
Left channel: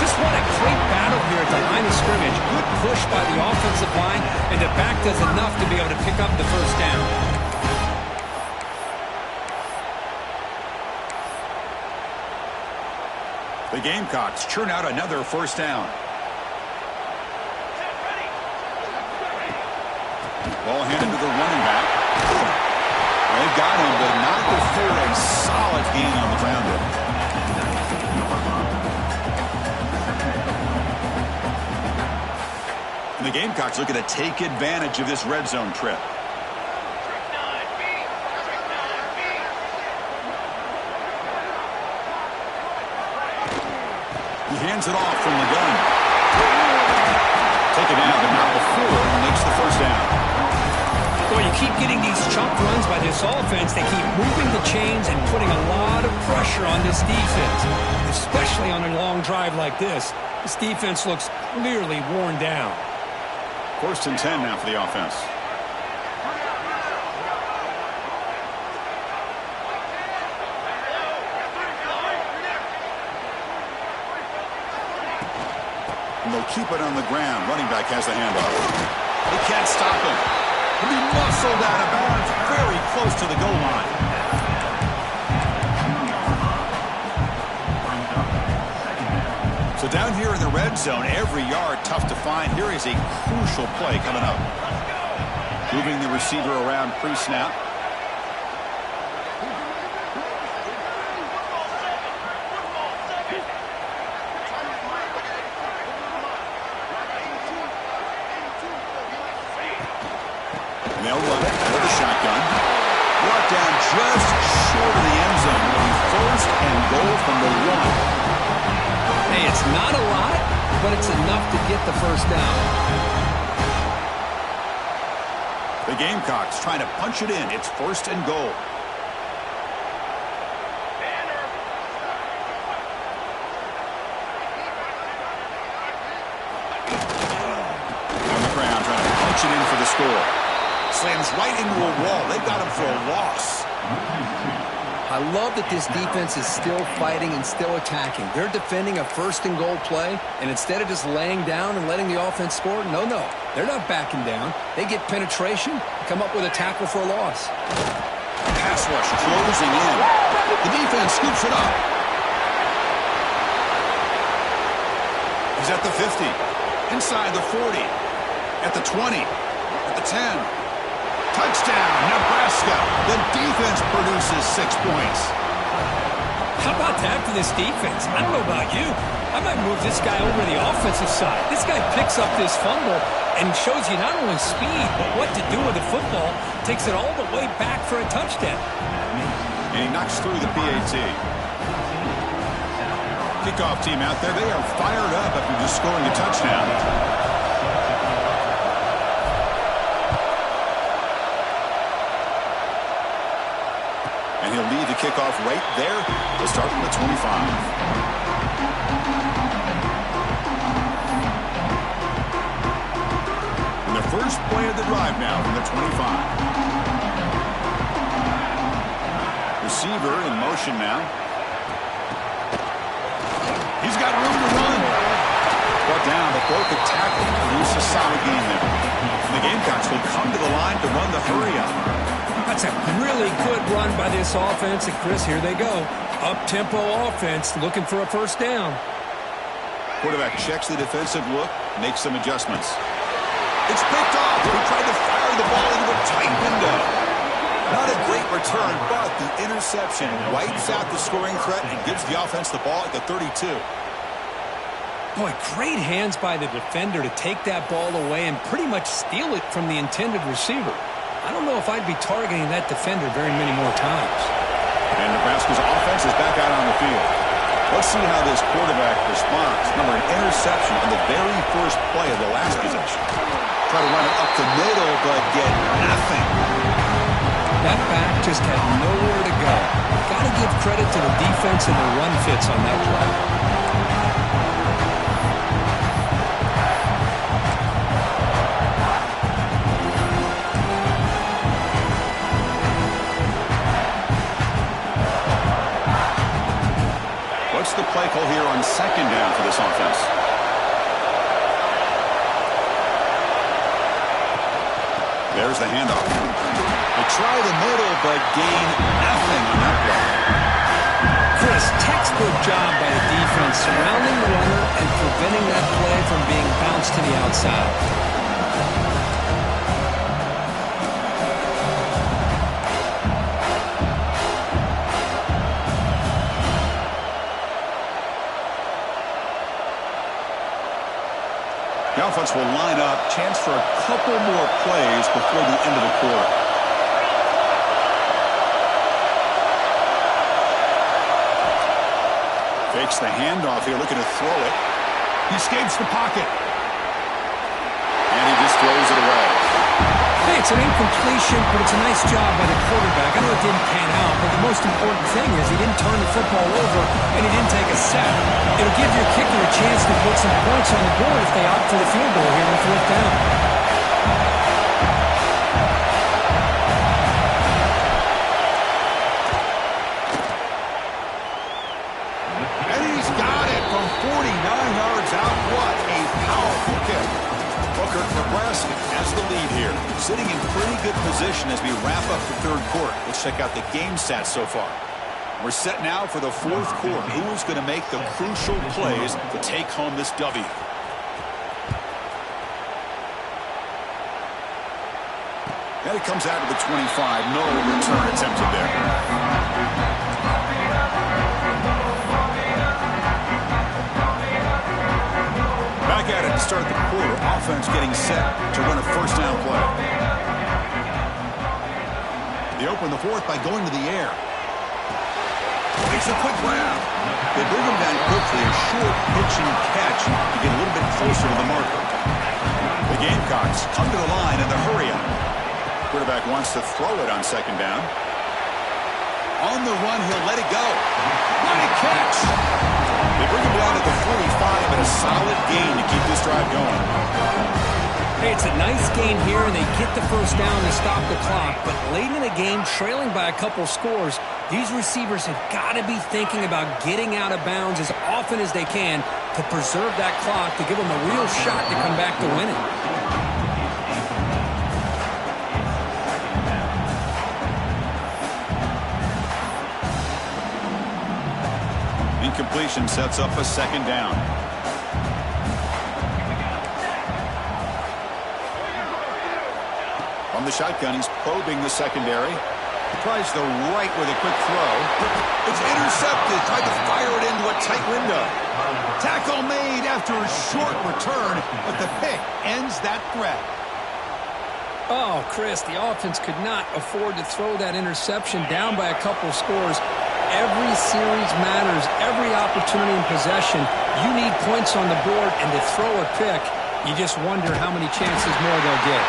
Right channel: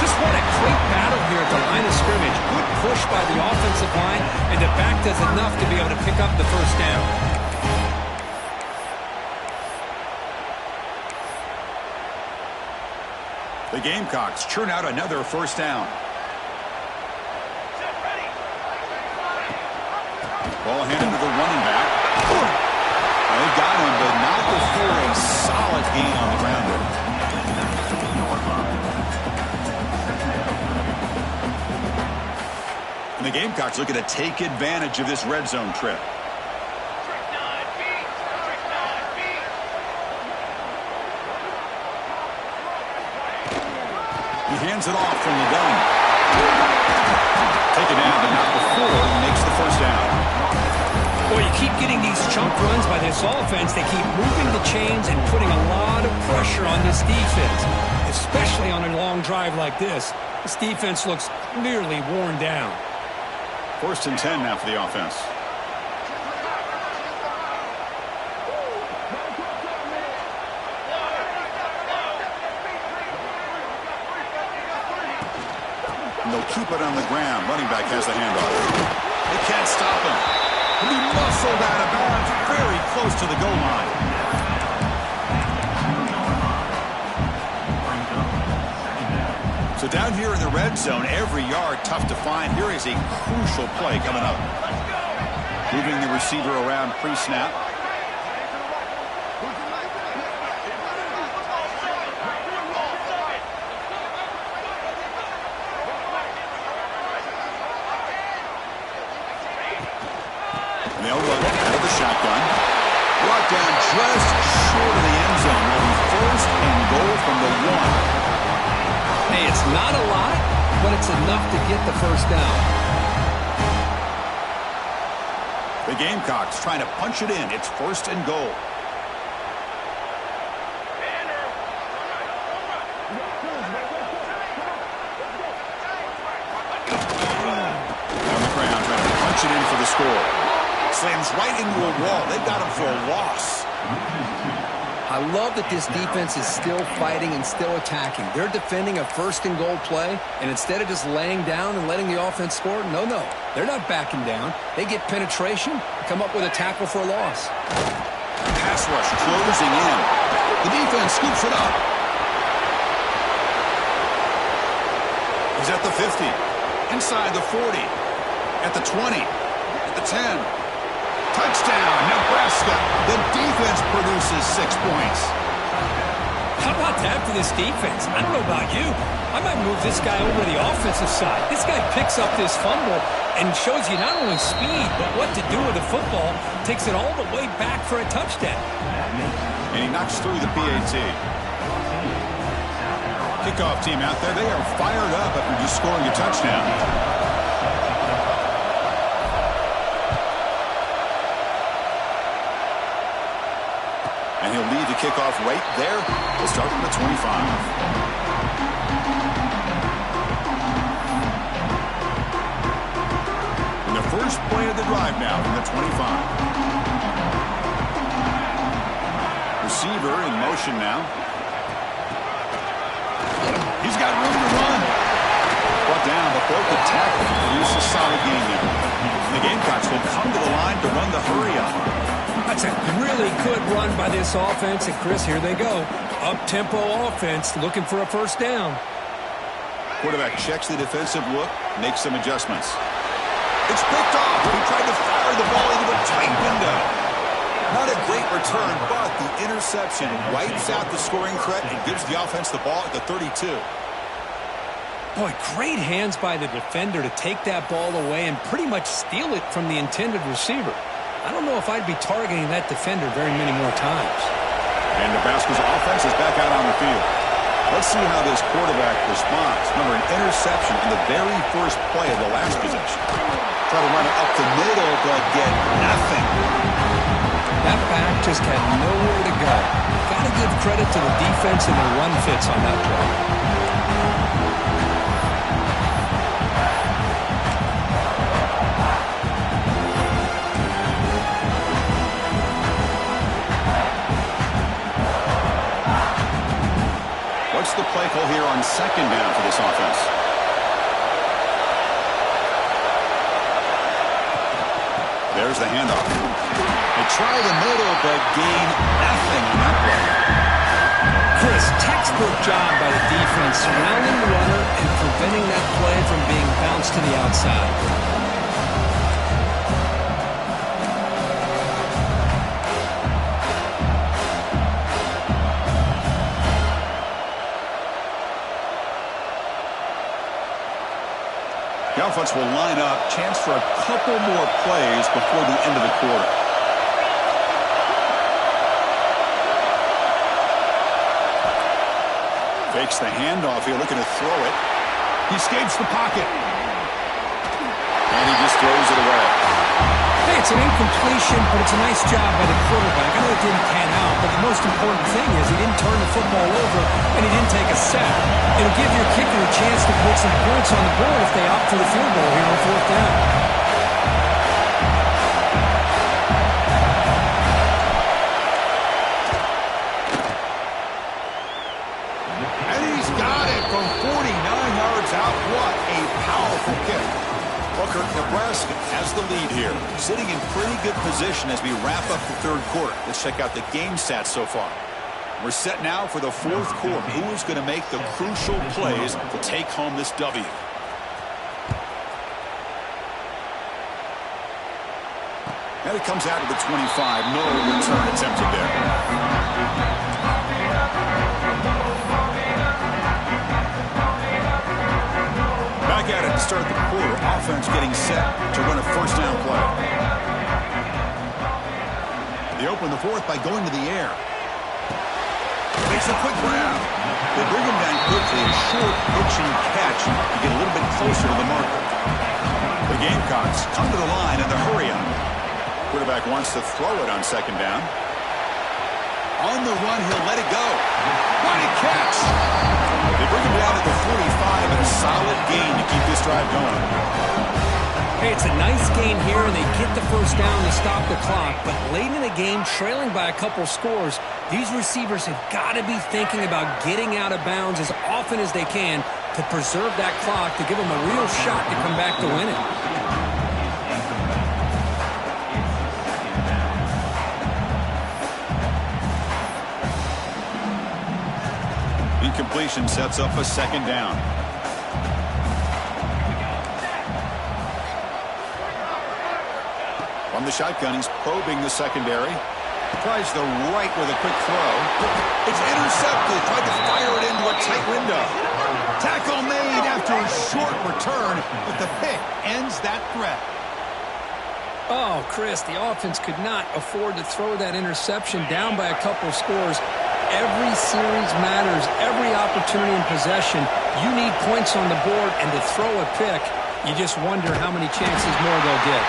Just what a great battle here at the line of scrimmage. Good push by the offensive line, and the back does enough to be able to pick up the first down. The Gamecocks churn out another first down. Ball handed to the running back. They got him, but not before a solid gain on the ground there. And the Gamecocks looking to take advantage of this red zone trip. He hands it off from the gun. Taken down, but not before he makes the first down. Boy, you keep getting these chunk runs by this offense. They keep moving the chains and putting a lot of pressure on this defense, especially on a long drive like this. This defense looks clearly worn down. First and 10 now for the offense. And they'll keep it on the ground. Running back has the handoff. They can't stop him. He'll be muscled out of bounds very close to the goal line. So down here in the red zone, every yard tough to find. Here is a crucial play coming up. Moving the receiver around pre-snap. And they'll run it out of the shotgun. Brought down just short of the end zone. It'll be first and goal from the 1. Hey, it's not a lot, but it's enough to get the first down. The Gamecocks trying to punch it in. It's first and goal. On the ground, trying to punch it in for the score. Slams right into a wall. They got him for a loss. I love that this defense is still fighting and still attacking. They're defending a first and goal play, and instead of just laying down and letting the offense score, no, they're not backing down. They get penetration, come up with a tackle for a loss. Pass rush closing in. The defense scoops it up. He's at the 50, inside the 40, at the 20, at the 10. Touchdown, Nebraska. The defense produces 6 points. How about that for this defense? I don't know about you. I might move this guy over to the offensive side. This guy picks up this fumble and shows you not only speed, but what to do with the football. Takes it all the way back for a touchdown. And he knocks through the PAT. Kickoff team out there. They are fired up after just scoring a touchdown. And he'll lead the kickoff right there. They'll start from the 25. And the first play of the drive now from the 25. Receiver in motion now. He's got room to run. Brought down, but broke the tackle. Produced a solid gain there. And the Gamecocks will come to the line to run the hurry up. That's a really good run by this offense. And, Chris, here they go. Up-tempo offense looking for a first down. Quarterback checks the defensive look, makes some adjustments. It's picked off. He tried to fire the ball into a tight window. Not a great return, but the interception wipes out the scoring threat and gives the offense the ball at the 32. Boy, great hands by the defender to take that ball away and pretty much steal it from the intended receiver. I don't know if I'd be targeting that defender very many more times. And Nebraska's offense is back out on the field. Let's see how this quarterback responds. Remember, an interception on the very first play of the last possession. Try to run it up the middle, but get nothing. That back just had nowhere to go. Got to give credit to the defense and the run fits on that play. play call here on second down for this offense. There's the handoff. They try the middle, but gain nothing on that play. Chris, textbook job by the defense surrounding the runner and preventing that play from being bounced to the outside. The offense will line up. Chance for a couple more plays before the end of the quarter. Fakes the handoff here, looking to throw it. He escapes the pocket. And he just throws it away. Hey, it's an incompletion, but it's a nice job by the quarterback. I know it didn't pan out, but the most important thing is he didn't turn the football over and he didn't take a sack. It'll give your kicker a chance to put some points on the board if they opt for the field goal here on fourth down. And he's got it from 49 yards out. What a powerful kick. Booker, Nebraska has the lead here. Sitting in pretty good position as we wrap up the third quarter. Let's check out the game stats so far. We're set now for the fourth quarter. Who is going to make the crucial plays to take home this W? And it comes out to the 25. No return attempted there. Back at it to start the quarter. Offense getting set to run a first down play. They open the fourth by going to the air. Makes a quick grab. They bring him down quickly. A short pitch and catch to get a little bit closer to the marker. The Gamecocks come to the line in the hurry-up. Quarterback wants to throw it on second down. On the run, he'll let it go. What a catch! They bring him down at the 45 and a solid gain to keep this drive going. Hey, it's a nice gain here, and they get the first down to stop the clock. But late in the game, trailing by a couple scores, these receivers have got to be thinking about getting out of bounds as often as they can to preserve that clock, to give them a real shot to come back to win it. Incompletion sets up a second down. From the shotgun, he's probing the secondary. Tries the right with a quick throw. It's intercepted. Tried to fire it into a tight window. Tackle made after a short return, but the pick ends that threat. Oh, Chris, the offense could not afford to throw that interception down by a couple scores. Every series matters. Every opportunity in possession, you need points on the board, and to throw a pick, you just wonder how many chances more they'll get.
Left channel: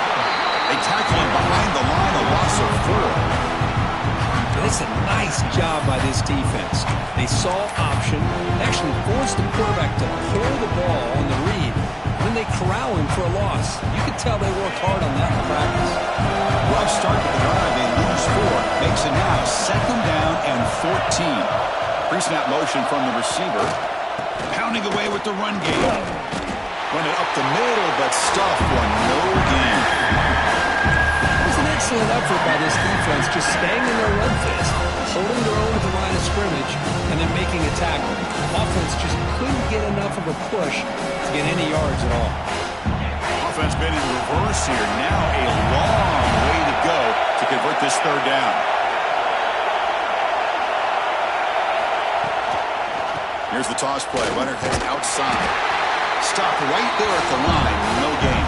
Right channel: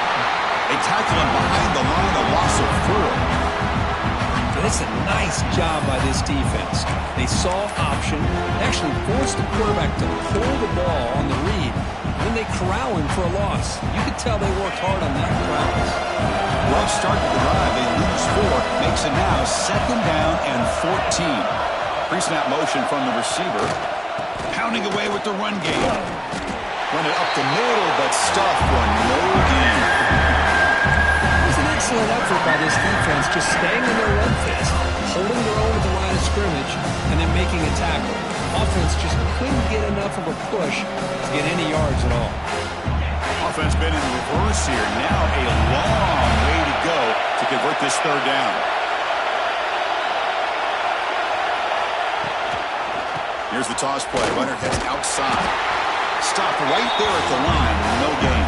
They tackle him behind the line, a loss of 4. And it's a nice job by this defense. They saw option, actually forced the quarterback to pull the ball on the read, and then they corral him for a loss. You could tell they worked hard on that in practice. Rough start to the drive. They lose 4. Makes it now second down and 14. Pre-snap motion from the receiver. Pounding away with the run game. Run it up the middle, but stuff for no gain. It was an excellent effort by this defense, just staying in their run fist, holding their own at the line of scrimmage, and then making a tackle. Offense just couldn't get enough of a push to get any yards at all. Offense been in reverse here. Now a long way to go to convert this third down. Here's the toss play. Runner heads outside. Stopped right there at the line. No gain.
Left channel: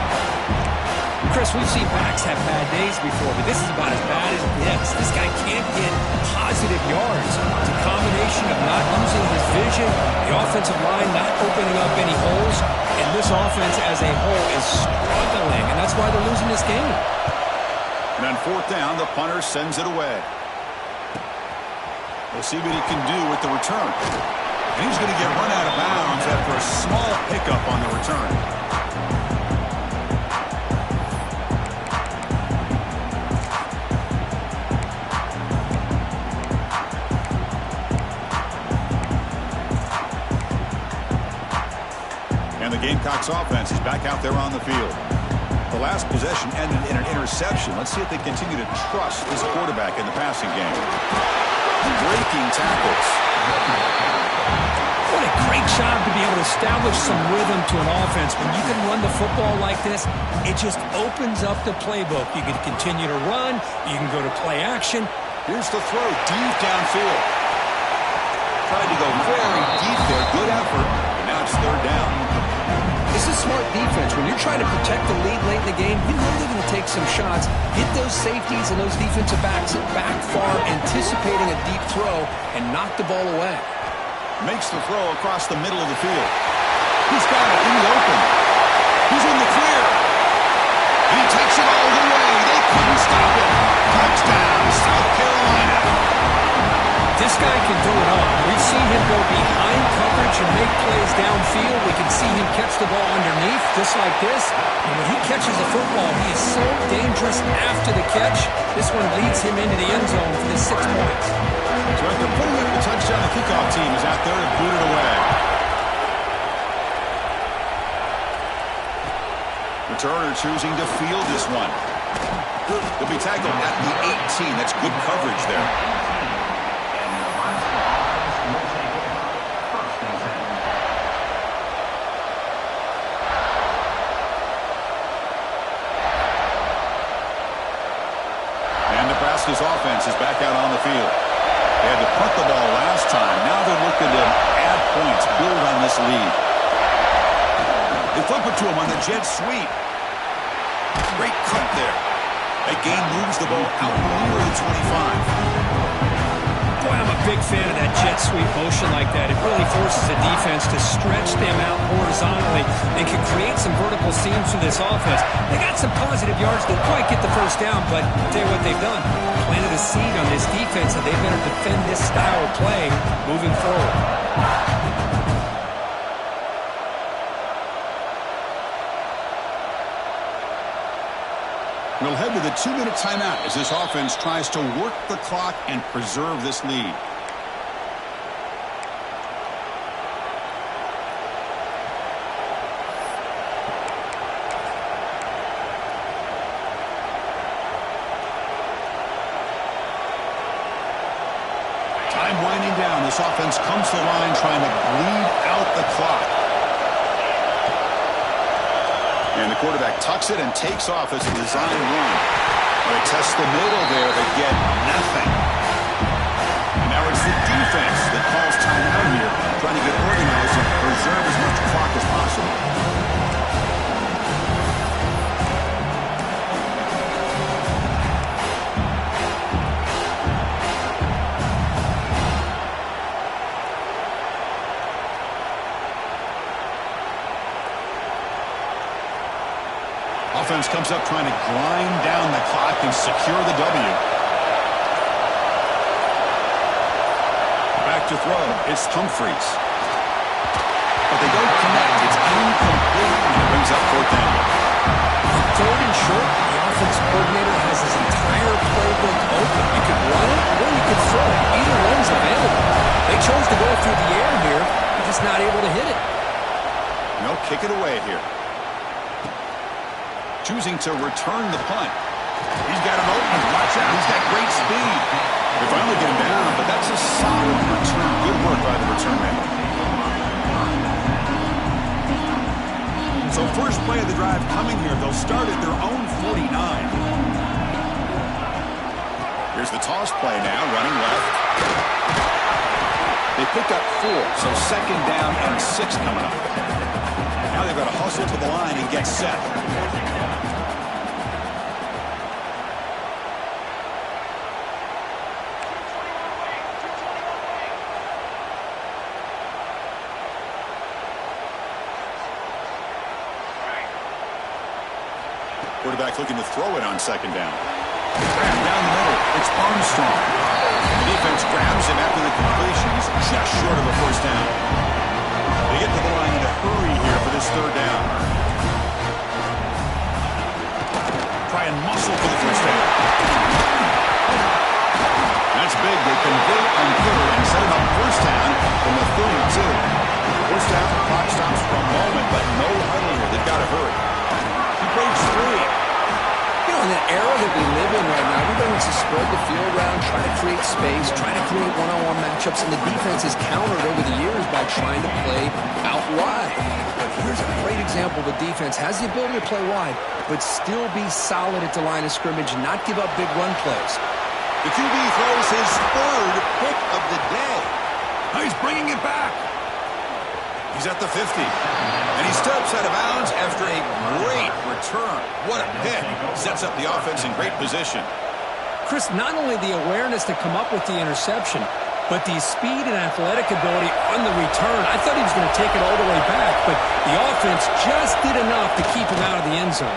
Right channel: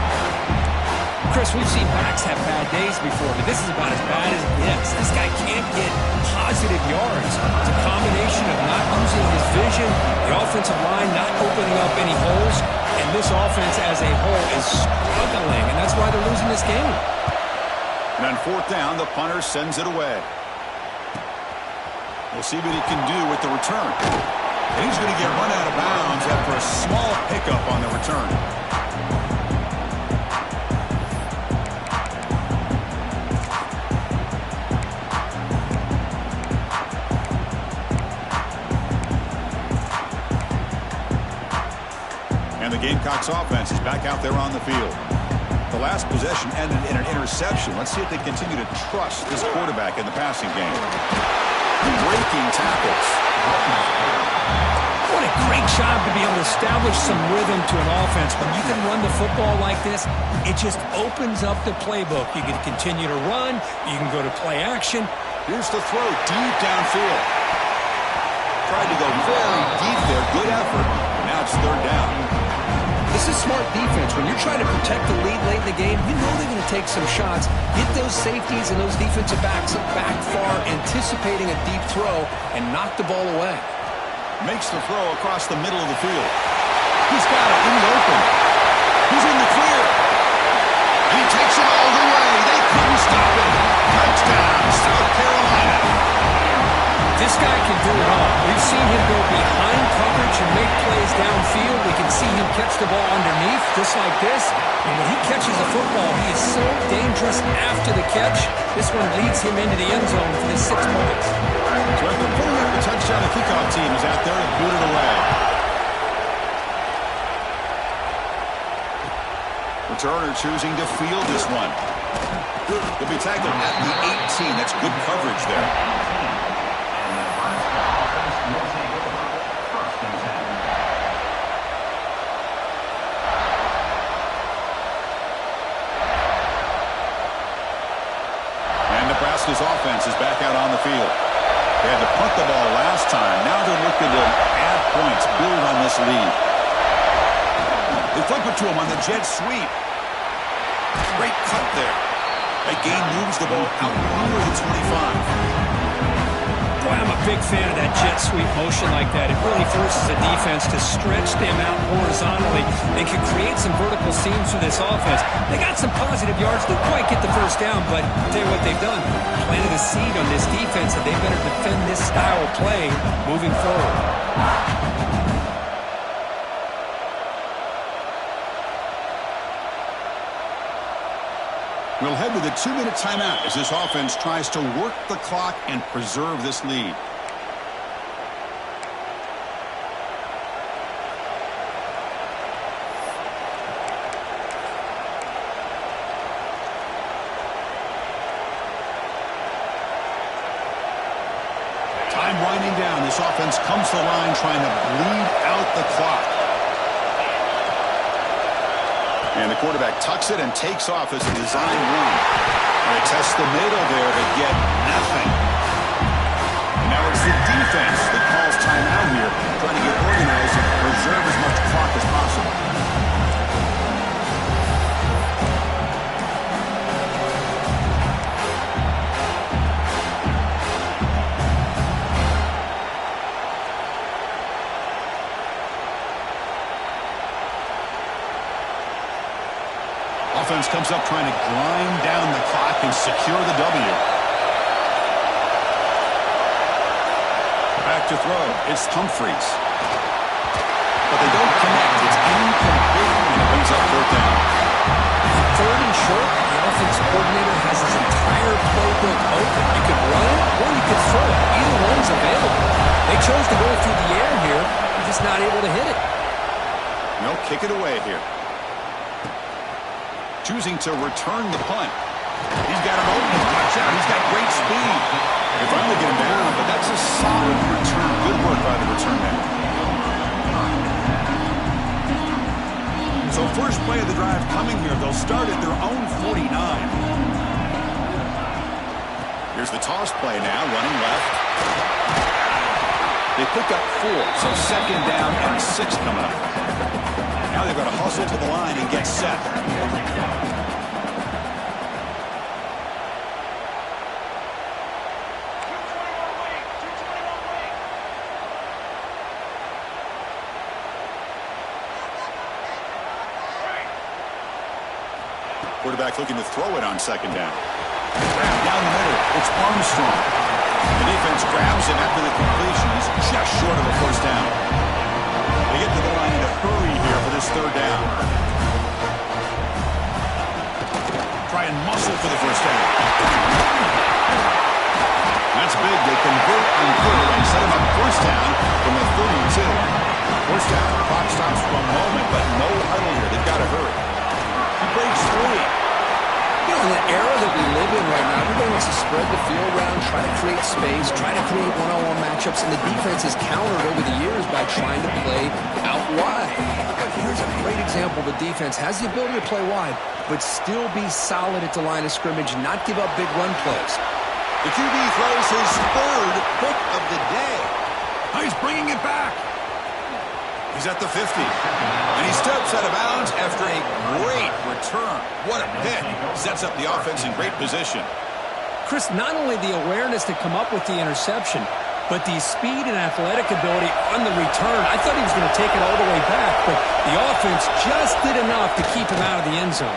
Chris, we've seen backs have bad days before, but this is about as bad as it gets. This guy can't get positive yards. It's a combination of not using his vision, the offensive line not opening up any holes, and this offense as a whole is struggling, and that's why they're losing this game. And on fourth down, the punter sends it away. We'll see what he can do with the return. And he's going to get run out of bounds after a small pickup on the return. And the Gamecocks offense is back out there on the field. The last possession ended in an interception. Let's see if they continue to trust this quarterback in the passing game. Breaking tackles. What a great job to be able to establish some rhythm to an offense. When you can run the football like this, it just opens up the playbook. You can continue to run. You can go to play action. Here's the throw deep downfield. Tried to go very deep there. Good effort. But now it's third down. This is smart defense. When you're trying to protect the lead late in the game, you know they're going to take some shots. Get those safeties and those defensive backs back far, anticipating a deep throw, and knock the ball away. Makes the throw across the middle of the field. He's got it in the open. He's in the clear. And he takes it all the way. They couldn't stop him. Touchdown, South Carolina. This guy can do it all. We've seen him go behind coverage and make plays downfield. We can see him catch the ball underneath, just like this. And when he catches the football, he is so dangerous after the catch. This one leads him into the end zone for the 6 points. So after putting up the touchdown, the kickoff team is out there to boot it away. Returner choosing to field this one. He'll be tackled at the 18. That's good coverage there. And Nebraska's offense is back out on the field. They had to punt the ball last time. Now they're looking to add points, build on this lead. They flip it to him on the jet sweep. Great cut there. That gain moves the ball out near the 25. Boy, I'm a big fan of that jet sweep motion like that. It really forces a defense to stretch them out horizontally and can create some vertical seams for this offense. They got some positive yards. Didn't quite get the first down, but I'll tell you what they've done. Planted a seed on this defense that they better defend this style of play moving forward. We'll head to the 2-minute timeout as this offense tries to work the clock and preserve this lead. Time winding down. This offense comes to the line trying to bleed out the clock. And the quarterback tucks it and takes off as a design run. They test the middle there, but get nothing. And now it's the defense that calls timeout here, trying to get organized and preserve as much clock as possible. Offense comes up trying to grind down the clock and secure the W. Back to throw. It's Humphreys. But they don't connect. It's incomplete, and it brings up fourth down. Third and short, the offense coordinator has his entire playbook open. You could run it or you could throw it. Either one's available. They chose to go through the air here. They're just not able to hit it. No, kick it away here. Choosing to return the punt. He's got an open. Watch out. He's got great speed. They finally get him down, but that's a solid return. Good work by the return man. So first play of the drive coming here. They'll start at their own 49. Here's the toss play now, running left. They pick up 4, so second down and 6 coming up. Now they've got to hustle to the line and get set. Quarterback looking to throw it on second down. Grab down the middle. It's Armstrong. The defense grabs him after the completion. He's just short of a first down. They get to the line in a hurry here for this third down. Try and muscle for the first down. That's big. They convert on third and set him up first down from the 32. First down, clock stops for a moment, but no huddle here. They've got to hurry. He breaks free. You know, in the era that we live in right now, everybody wants to spread the field around, try to create space, try to create one-on-one matchups, and the defense has countered over the years by trying to play out wide. But here's a great example. The defense has the ability to play wide, but still be solid at the line of scrimmage, not give up big run plays. The QB throws his third pick of the day. Oh, he's bringing it back. He's at the 50. And he steps out of bounds after a great return. What a pick. Sets up the offense in great position. Chris, not only the awareness to come up with the interception, but the speed and athletic ability on the return. I thought he was going to take it all the way back, but the offense just did enough to keep him out of the end zone.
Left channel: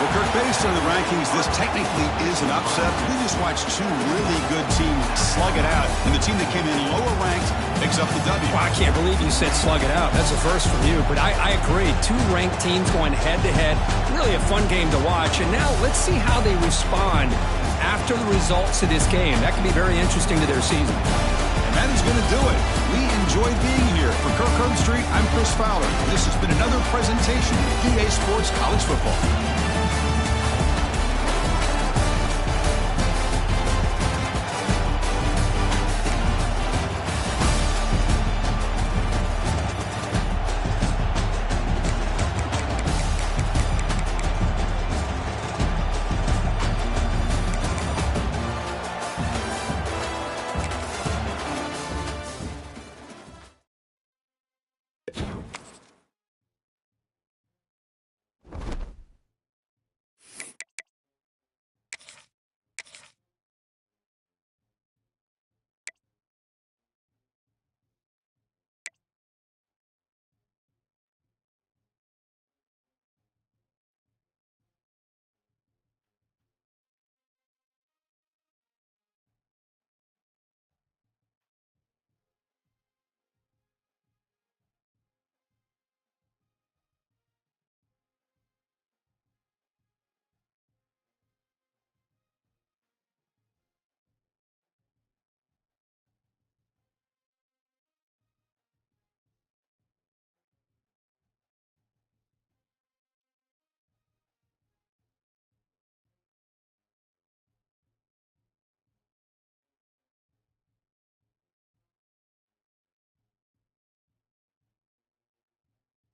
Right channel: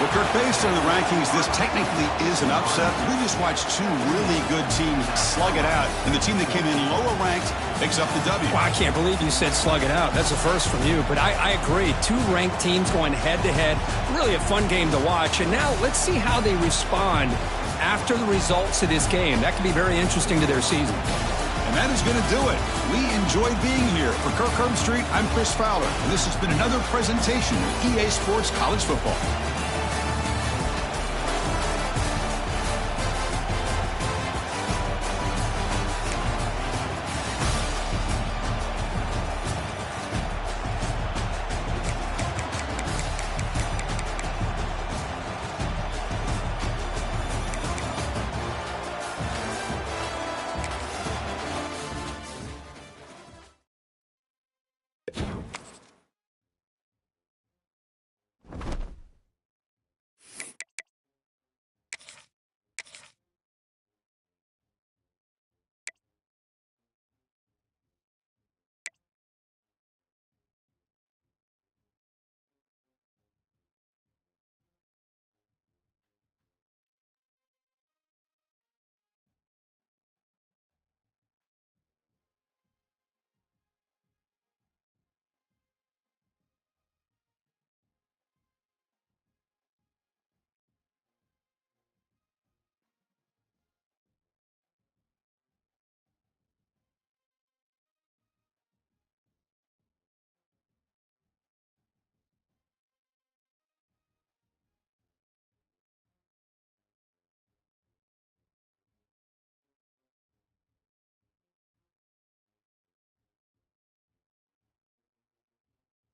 Well, Kirk, based on the rankings, this technically is an upset. We just watched two really good teams slug it out, and the team that came in lower ranked picks up the W. Well, I can't believe you said slug it out. That's a first from you, but I agree. Two ranked teams going head-to-head. Really a fun game to watch, and now let's see how they respond after the results of this game. That could be very interesting to their season. And that is going to do it. We enjoyed being here. For Kirk Herbstreit, I'm Chris Fowler, and this has been another presentation of EA Sports College Football.